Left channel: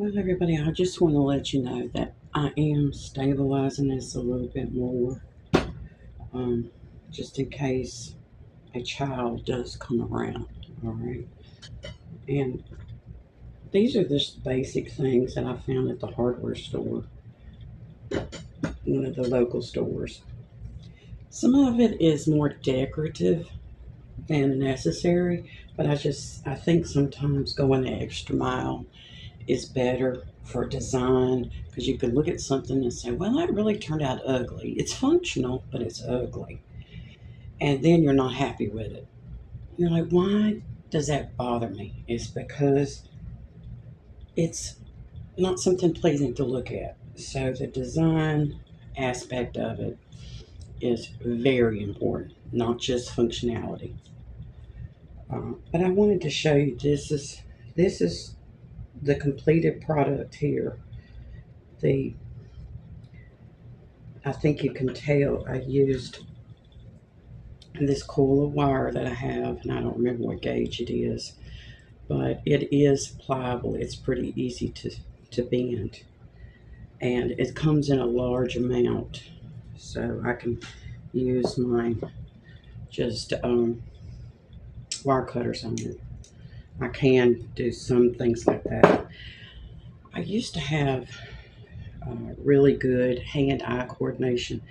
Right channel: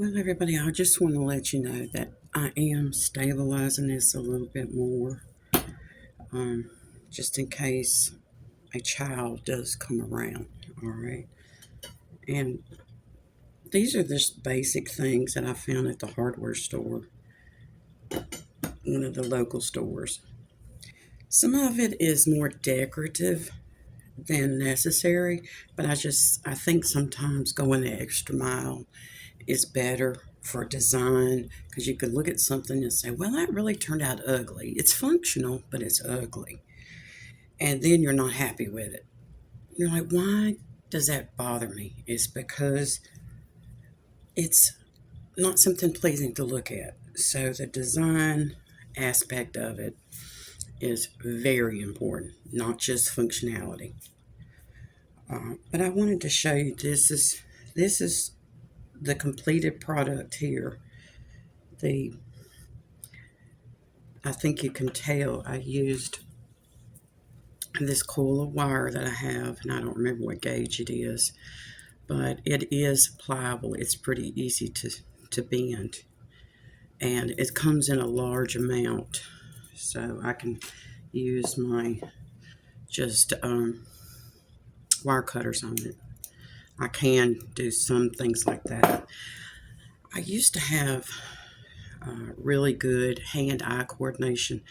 Well, everybody, I just want to let you know that I am stabilizing this a little bit more, um, just in case a child does come around. All right. And these are just basic things that I found at the hardware store, one of the local stores. Some of it is more decorative than necessary, but I think sometimes going the extra mile is better for design because you could look at something and say, well, that really turned out ugly. It's functional, but it's ugly. And then you're not happy with it. You're like, why does that bother me? It's because it's not something pleasing to look at. So the design aspect of it is very important, not just functionality. But I wanted to show you this is the completed product here. The I think you can tell I used this coil of wire that I have, and I don't remember what gauge it is, but it is pliable. It's pretty easy to bend, and it comes in a large amount, so I can use my just wire cutters on it. I can do some things like that. I used to have really good hand-eye coordination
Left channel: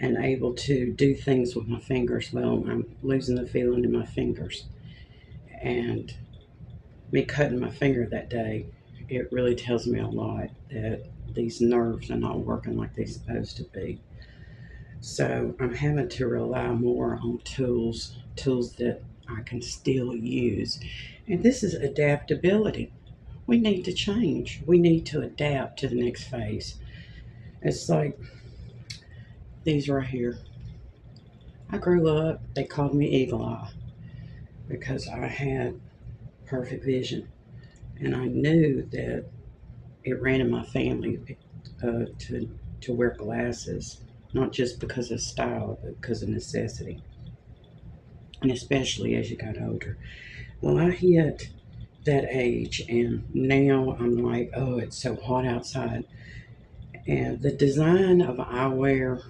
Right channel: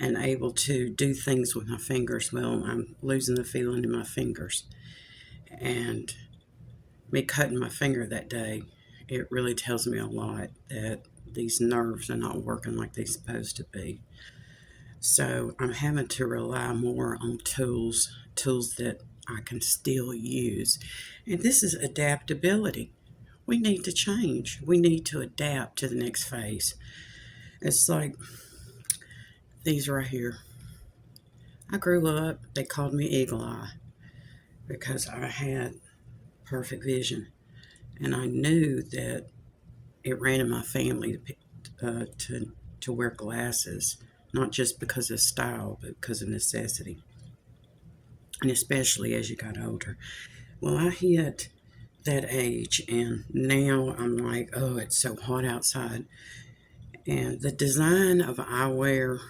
and able to do things with my fingers. Well, I'm losing the feeling in my fingers. And me cutting my finger that day, it really tells me a lot that these nerves are not working like they're supposed to be. So I'm having to rely more on tools that I can still use. And this is adaptability. We need to change. We need to adapt to the next phase. It's like these right here. I grew up, they called me Eagle Eye because I had perfect vision. And I knew that it ran in my family to wear glasses, not just because of style, but because of necessity. And especially as you got older. Well, I hit that age, and now I'm like, oh, it's so hot outside. And the design of eyewear,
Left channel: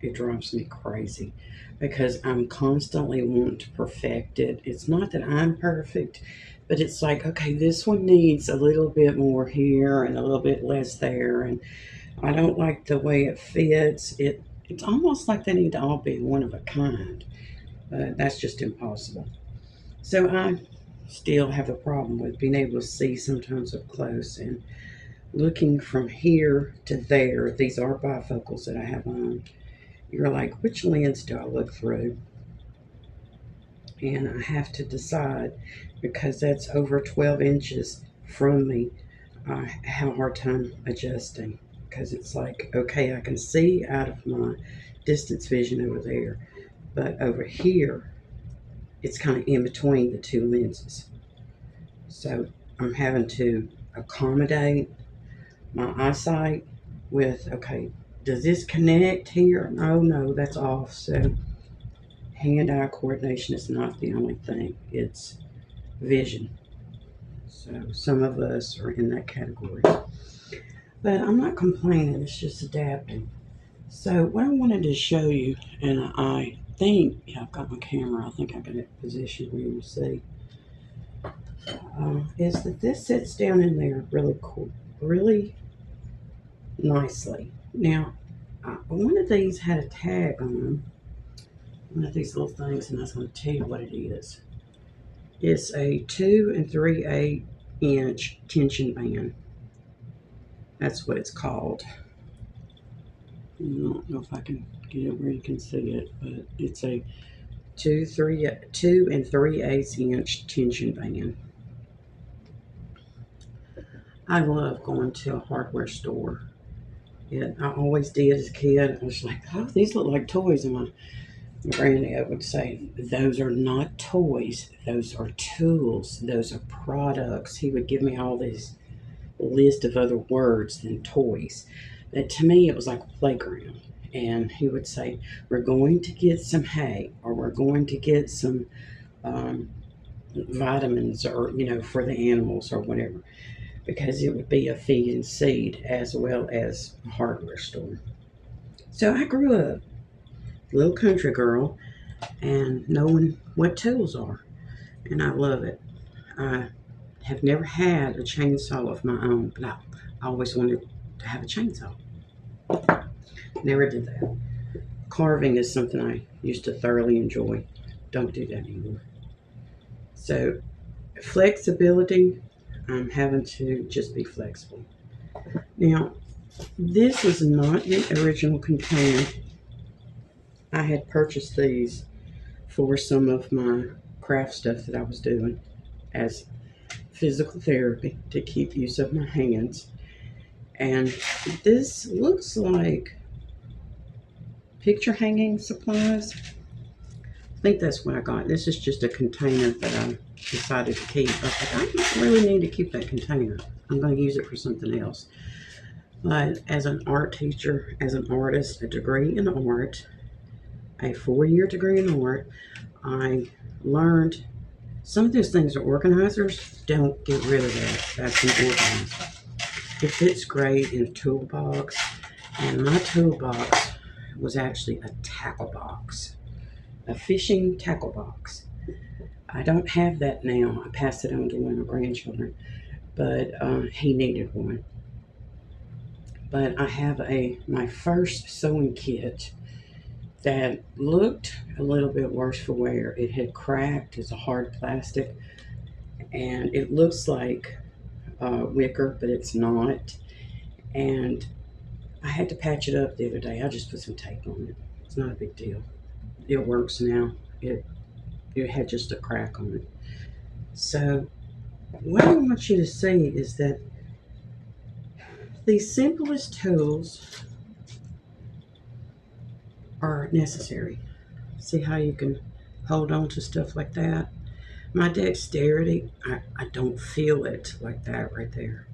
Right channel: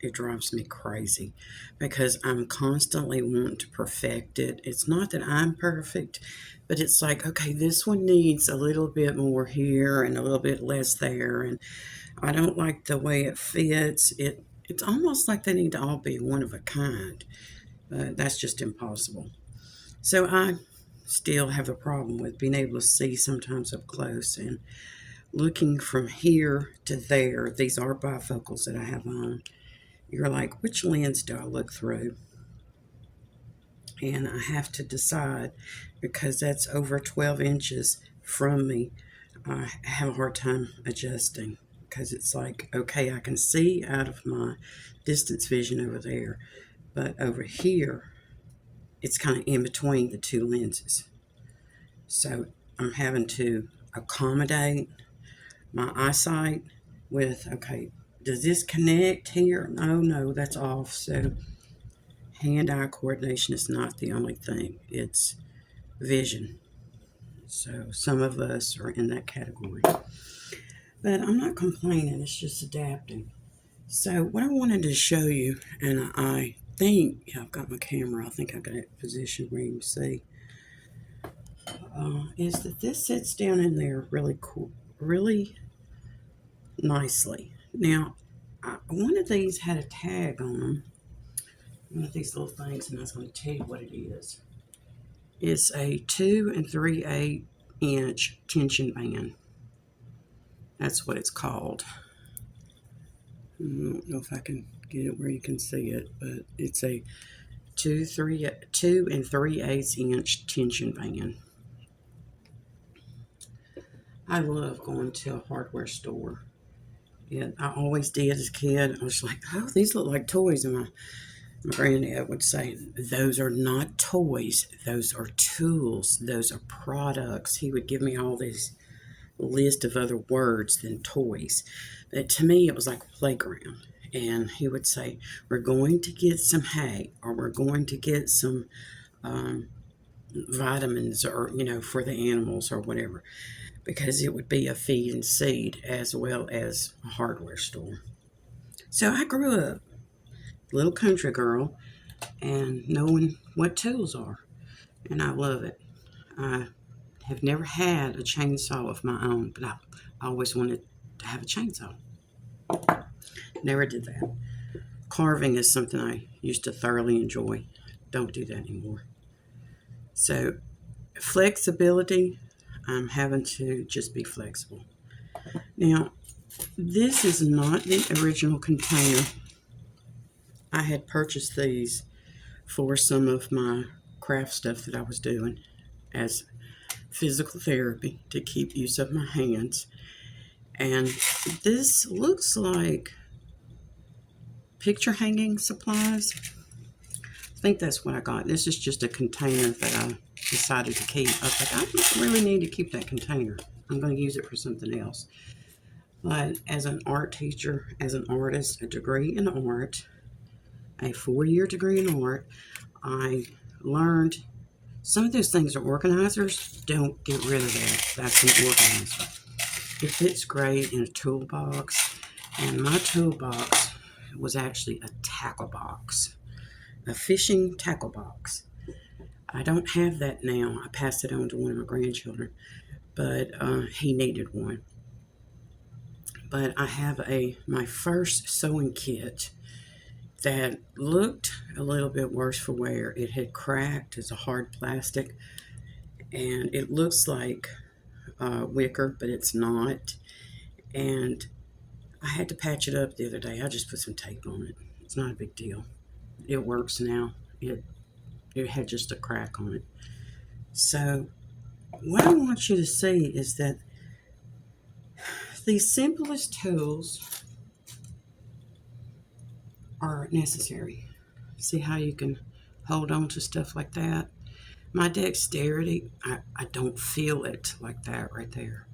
it drives me crazy because I'm constantly wanting to perfect it. It's not that I'm perfect, but it's like, okay, this one needs a little bit more here and a little bit less there, and I don't like the way it fits. It's almost like they need to all be one of a kind, but that's just impossible. So I still have a problem with being able to see sometimes up close and looking from here to there. These are bifocals that I have on. You're like, which lens do I look through? And I have to decide because that's over 12 inches from me. I have a hard time adjusting because it's like, okay, I can see out of my distance vision over there, but over here, it's kind of in between the two lenses. So I'm having to accommodate my eyesight with, okay, does this connect here? Oh no, that's off. So hand-eye coordination is not the only thing, it's vision. So some of us are in that category. But I'm not complaining, it's just adapting. So what I wanted to show you, and I think, yeah, I've got my camera, I think I got it positioned where you can see, is that this sits down in there really cool, really nicely. Now, one of these had a tag on them, one of these little things, and I was going to tell you what it is. It's a 2 3/8 inch tension band. That's what it's called. I don't know if I can get it where you can see it, but it's a 2 3/8 inch tension band. I love going to a hardware store. I always did as a kid. I was like, oh, these look like toys. And my granddad would say, those are not toys. Those are tools. Those are products. He would give me all these list of other words than toys. But to me, it was like a playground. And he would say, we're going to get some hay, or we're going to get some vitamins, or, for the animals or whatever. because it would be a feed and seed as well as a hardware store. So I grew up a little country girl and knowing what tools are, and I love it. I have never had a chainsaw of my own, but I always wanted to have a chainsaw. Never did that. Carving is something I used to thoroughly enjoy. Don't do that anymore. So, flexibility, I'm having to just be flexible. Now, this is not the original container. I had purchased these for some of my craft stuff that I was doing as physical therapy to keep use of my hands. And this looks like picture hanging supplies. I think that's what I got. This is just a container that I decided to keep. I was like, I don't really need to keep that container. I'm going to use it for something else. But as an art teacher, as an artist, a degree in art, a 4-year degree in art, I learned some of those things are organizers. Don't get rid of that. That's an organizer. It fits great in a toolbox, and my toolbox was actually a tackle box, a fishing tackle box. I don't have that now. I passed it on to one of my grandchildren, but he needed one. But I have my first sewing kit that looked a little bit worse for wear. It had cracked. It's a hard plastic, and it looks like wicker, but it's not. And I had to patch it up the other day. I just put some tape on it. It's not a big deal. It works now. It had just a crack on it. So what I want you to see is that the simplest tools are necessary. See how you can hold on to stuff like that? My dexterity, I don't feel it like that right there.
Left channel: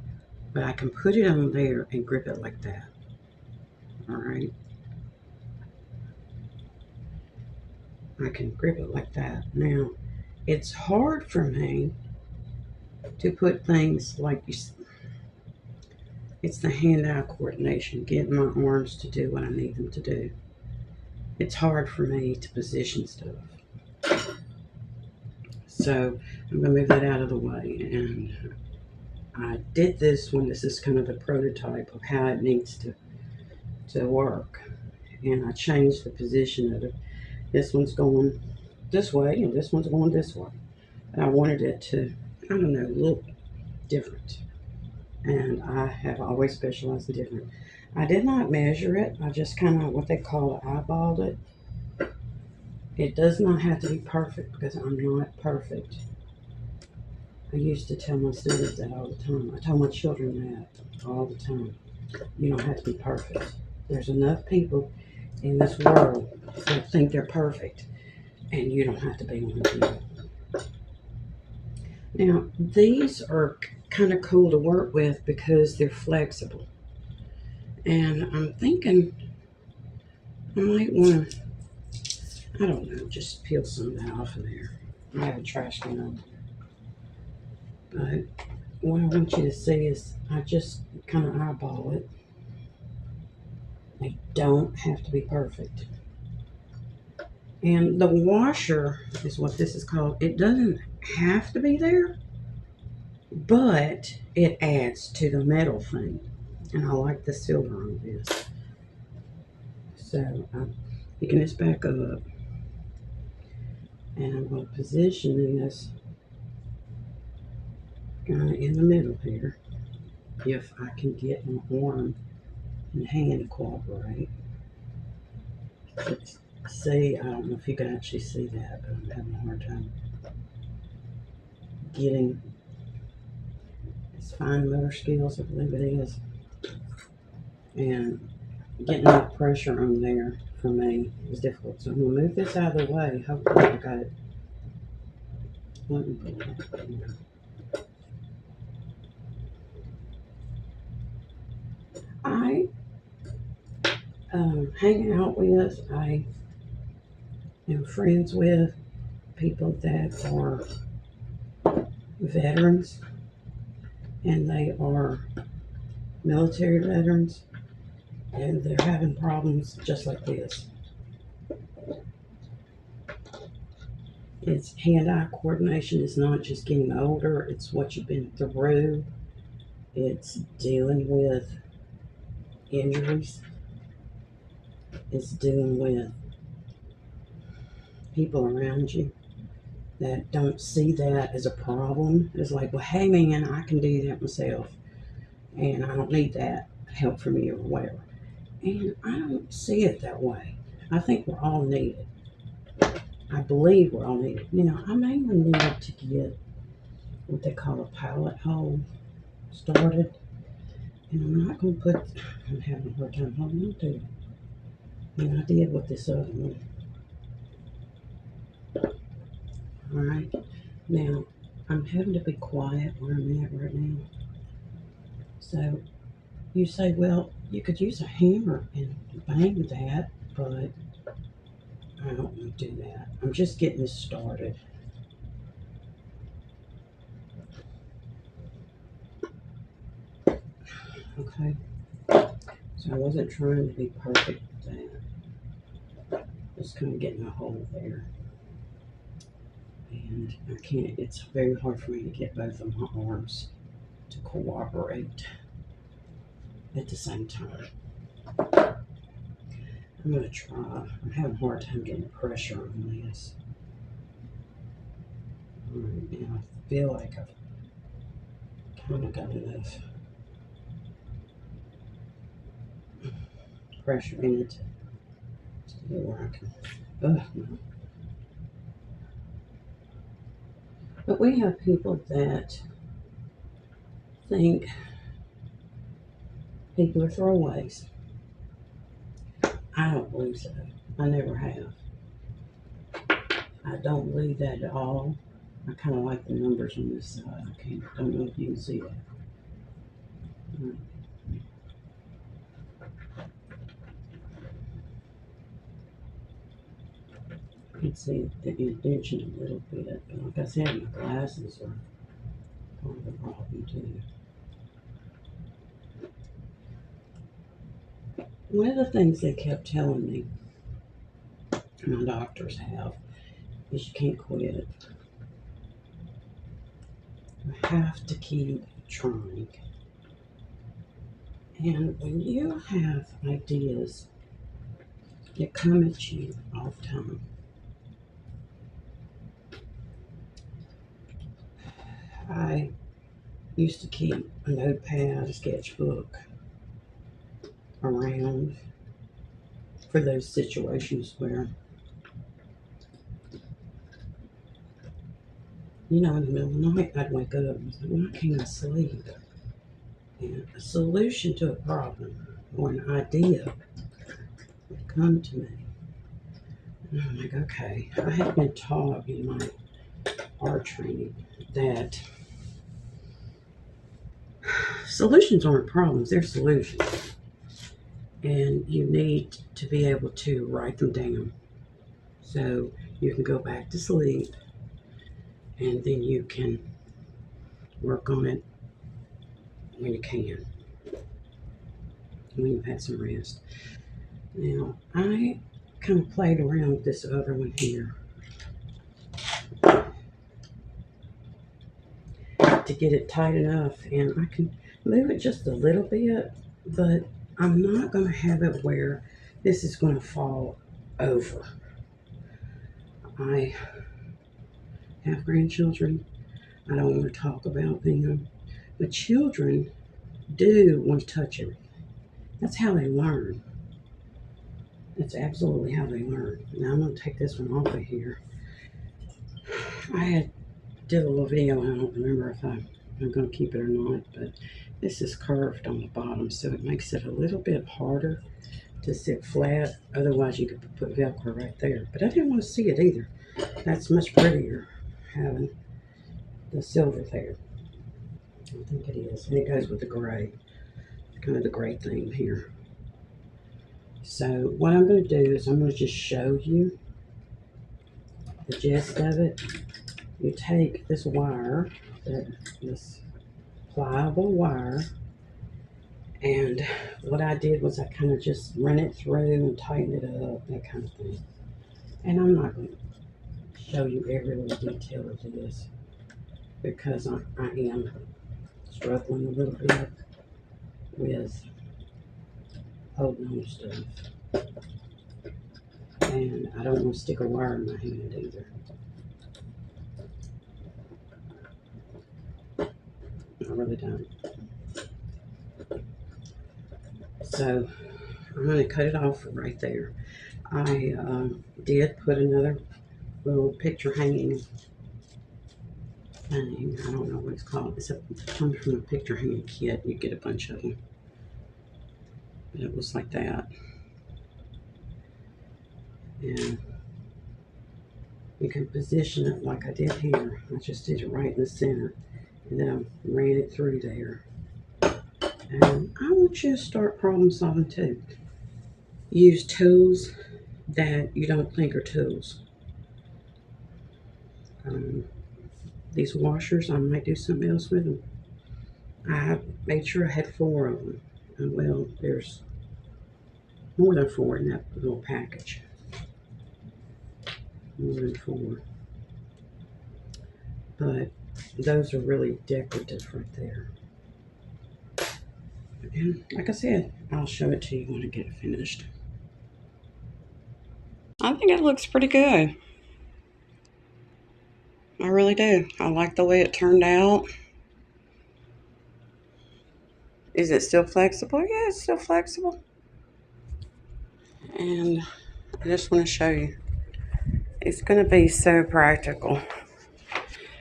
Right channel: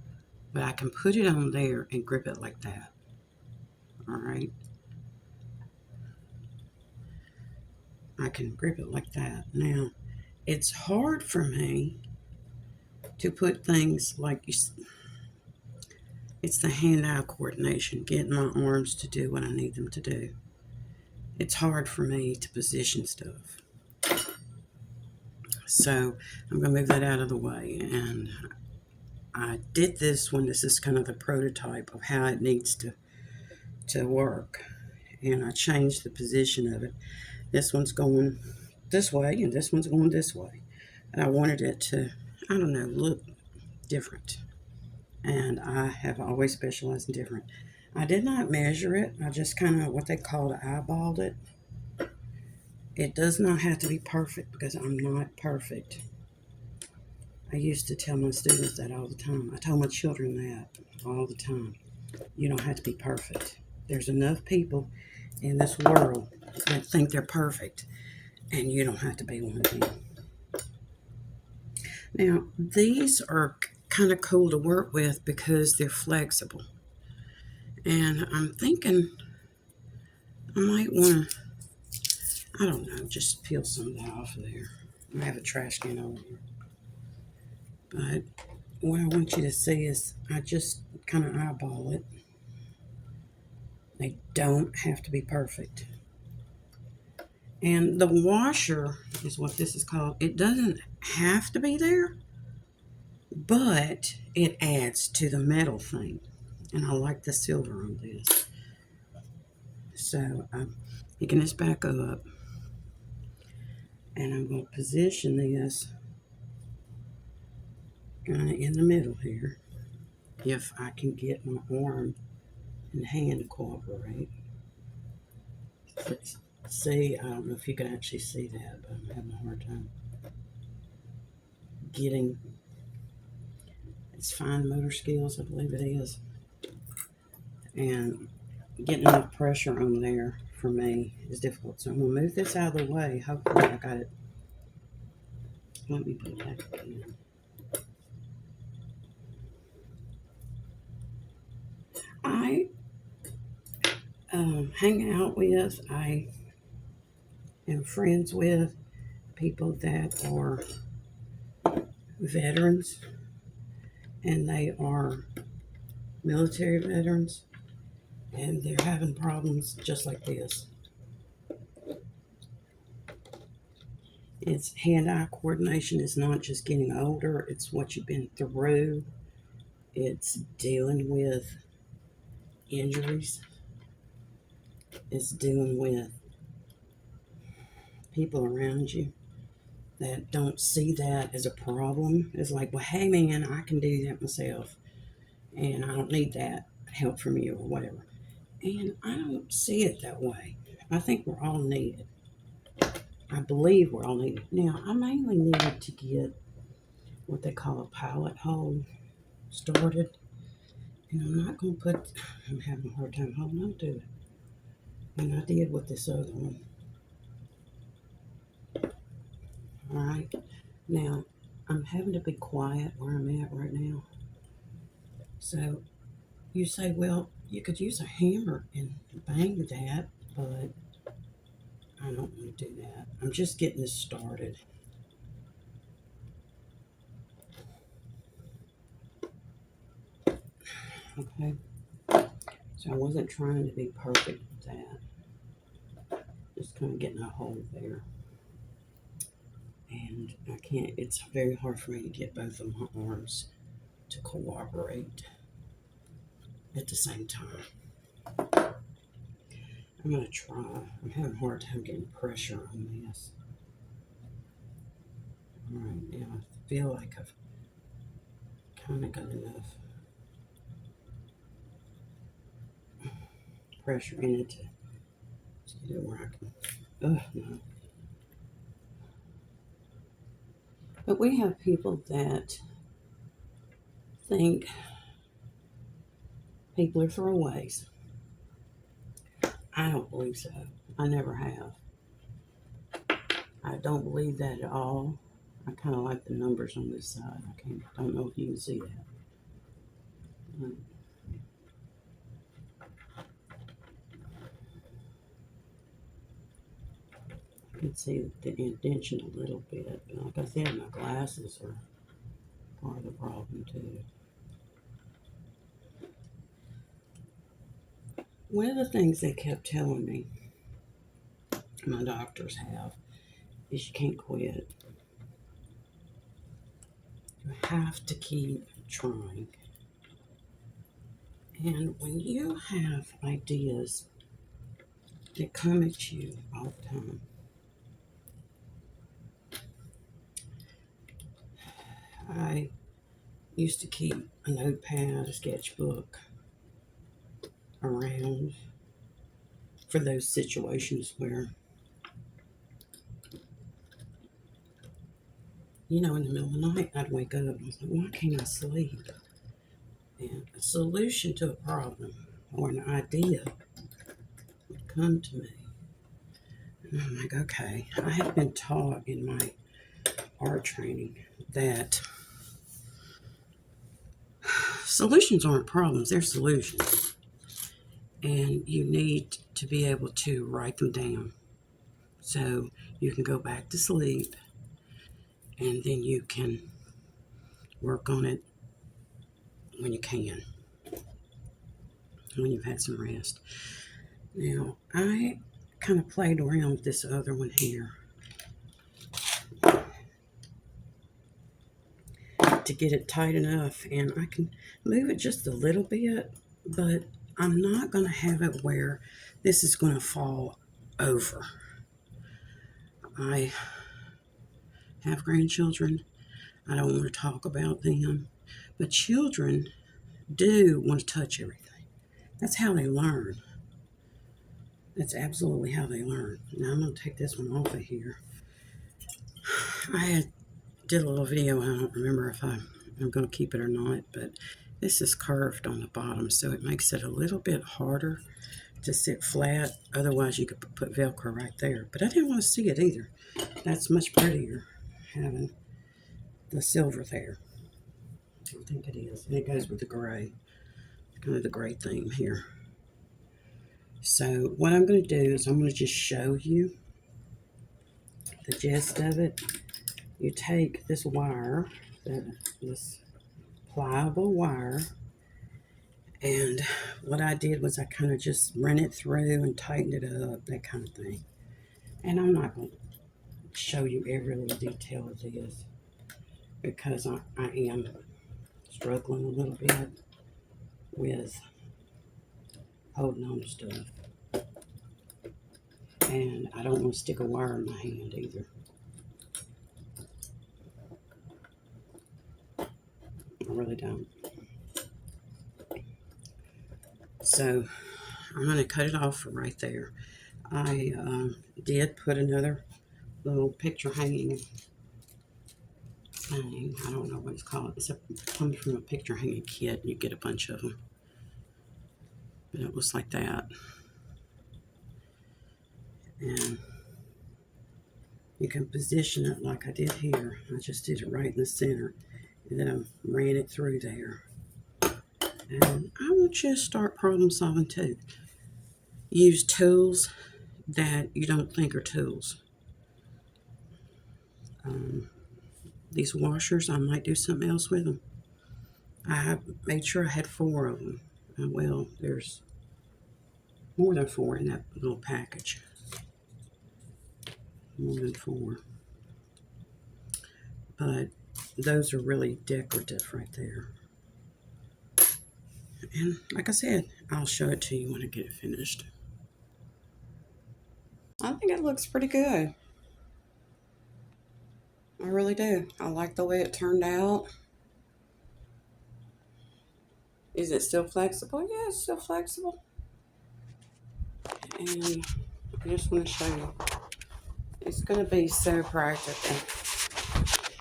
But I can put it on there and grip it like that. All right? I can grip it like that. Now, it's hard for me to put things like it's the hand-eye coordination, getting my arms to do what I need them to do. It's hard for me to position stuff. So I'm going to move that out of the way. And I did this one. This is kind of the prototype of how it needs to work. And I changed the position of it. This one's going this way and this one's going this way. And I wanted it to, I don't know, look different. And I have always specialized in different. I did not measure it. I just kind of what they call it, eyeballed it. It does not have to be perfect because I'm not perfect. I used to tell my students that all the time. I tell my children that all the time. You don't have to be perfect. There's enough people in this world that think they're perfect, and you don't have to be one of them. Now, these are kind of cool to work with because they're flexible. And I'm thinking I might want to, I don't know, just peel some of that off of there. I have a trash can over here. But what I want you to see is I just kind of eyeball it. They don't have to be perfect. And the washer is what this is called. It doesn't have to be there, but it adds to the metal thing. And I like the silver on this. So I'm picking this back up. And I'm going to position this kind of in the middle here. If I can get my arm and hand to cooperate. See, I don't know if you can actually see that, but I'm having a hard time getting, it's fine motor skills, I believe it is, and getting enough pressure on there for me is difficult. So I'm going to move this out of the way. Hopefully I got it. Let me put that in. I hang out with, I am friends with people that are veterans, and they are military veterans, and they're having problems just like this. It's hand-eye coordination is not just getting older, it's what you've been through. It's dealing with injuries. It's dealing with people around you that don't see that as a problem. It's like, well, hey man, I can do that myself, and I don't need that help from you or whatever. And I don't see it that way. I think we're all needed. I believe we're all needed. Now, I mainly needed to get what they call a pallet hole started. And I'm not going to put, I'm having a hard time holding on to it. And I did with this other one. All right. Now, I'm having to be quiet where I'm at right now. So you say, well, you could use a hammer and bang that, but I don't want to do that. I'm just getting this started. Okay. So I wasn't trying to be perfect with that. Just kind of getting a hole there. And I can't, it's very hard for me to get both of my arms to cooperate at the same time. I'm going to try. I'm having a hard time getting pressure on this. All right, now I feel like I've kind of got enough pressure in it to get where I can. Oh, no. But we have people that think people are throwaways. I don't believe so. I never have. I don't believe that at all. I kind of like the numbers on this side. Don't know if you can see that. You can see the indention a little bit. But like I said, my glasses are part of the problem too. One of the things they kept telling me, my doctors have, is you can't quit. You have to keep trying. And when you have ideas that come at you all the time, I used to keep a notepad, a sketchbook around for those situations where, in the middle of the night, I'd wake up and I was like, why can't I sleep? And a solution to a problem or an idea would come to me. And I'm like, okay, I have been taught in my art training that solutions aren't problems, they're solutions. And you need to be able to write them down so you can go back to sleep and then you can work on it when you can, when you've had some rest. Now, I kind of played around with this other one here to get it tight enough, and I can move it just a little bit, but I'm not going to have it where this is going to fall over. I have grandchildren. I don't want to talk about them, but children do want to touch everything. That's how they learn. That's absolutely how they learn. Now I'm going to take this one off of here. Did a little video. I don't remember if I'm going to keep it or not, but this is curved on the bottom, so it makes it a little bit harder to sit flat. Otherwise, you could put Velcro right there. But I didn't want to see it either. That's much prettier having the silver there. I think it is. And it goes with the gray. Kind of the gray theme here. So what I'm going to do is I'm going to just show you the gist of it. You take this wire, this pliable wire. And what I did was I kind of just ran it through and tightened it up, that kind of thing. And I'm not going to show you every little detail of this because I am struggling a little bit with holding on to stuff. And I don't want to stick a wire in my hand either. I really don't. So I'm going to cut it off right there. I did put another little picture hanging thing. I don't know what it's called. It comes from a picture hanging kit. You get a bunch of them. But it was like that. And you can position it like I did here. I just did it right in the center. And then I ran it through there. And I want you to start problem solving too. Use tools that you don't think are tools. These washers, I might do something else with them. I made sure I had 4 of them. Well, there's more than 4 in that little package. More than 4. But those are really decorative right there. And like I said, I'll show it to you when I get it finished. I think it looks pretty good. I really do. I like the way it turned out. Is it still flexible? Yeah, it's still flexible. And I just want to show you. It's going to be so practical.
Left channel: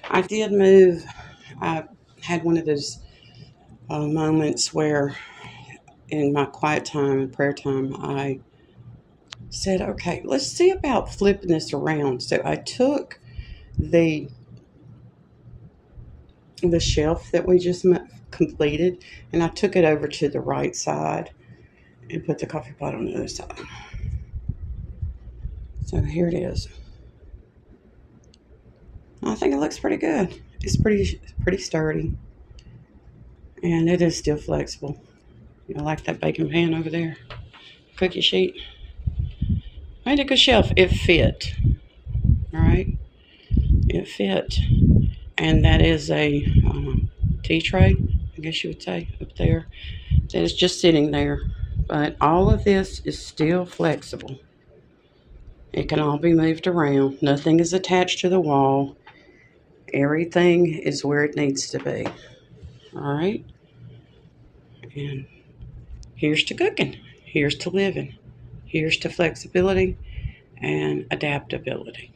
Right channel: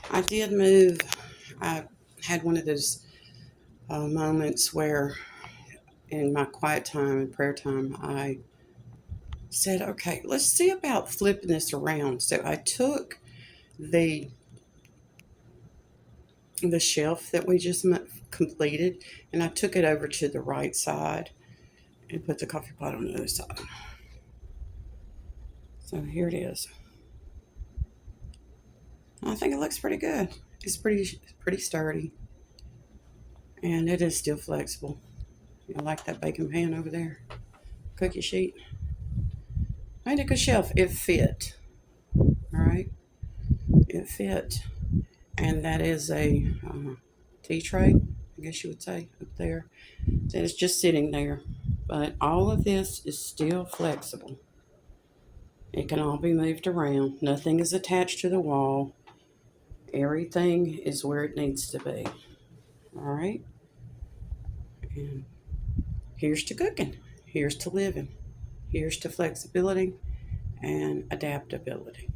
I did move. I had one of those moments where in my quiet time and prayer time, I said, okay, let's see about flipping this around. So I took the shelf that we just completed, and I took it over to the right side and put the coffee pot on the other side. So here it is. I think it looks pretty good. It's pretty sturdy, and it is still flexible. I like that baking pan over there, cookie sheet. I made a good shelf. It fit. All right, it fit, and that is a tea tray, I guess you would say, up there. That is just sitting there, but all of this is still flexible. It can all be moved around. Nothing is attached to the wall. Everything is where it needs to be. All right. And here's to cooking. Here's to living. Here's to flexibility and adaptability.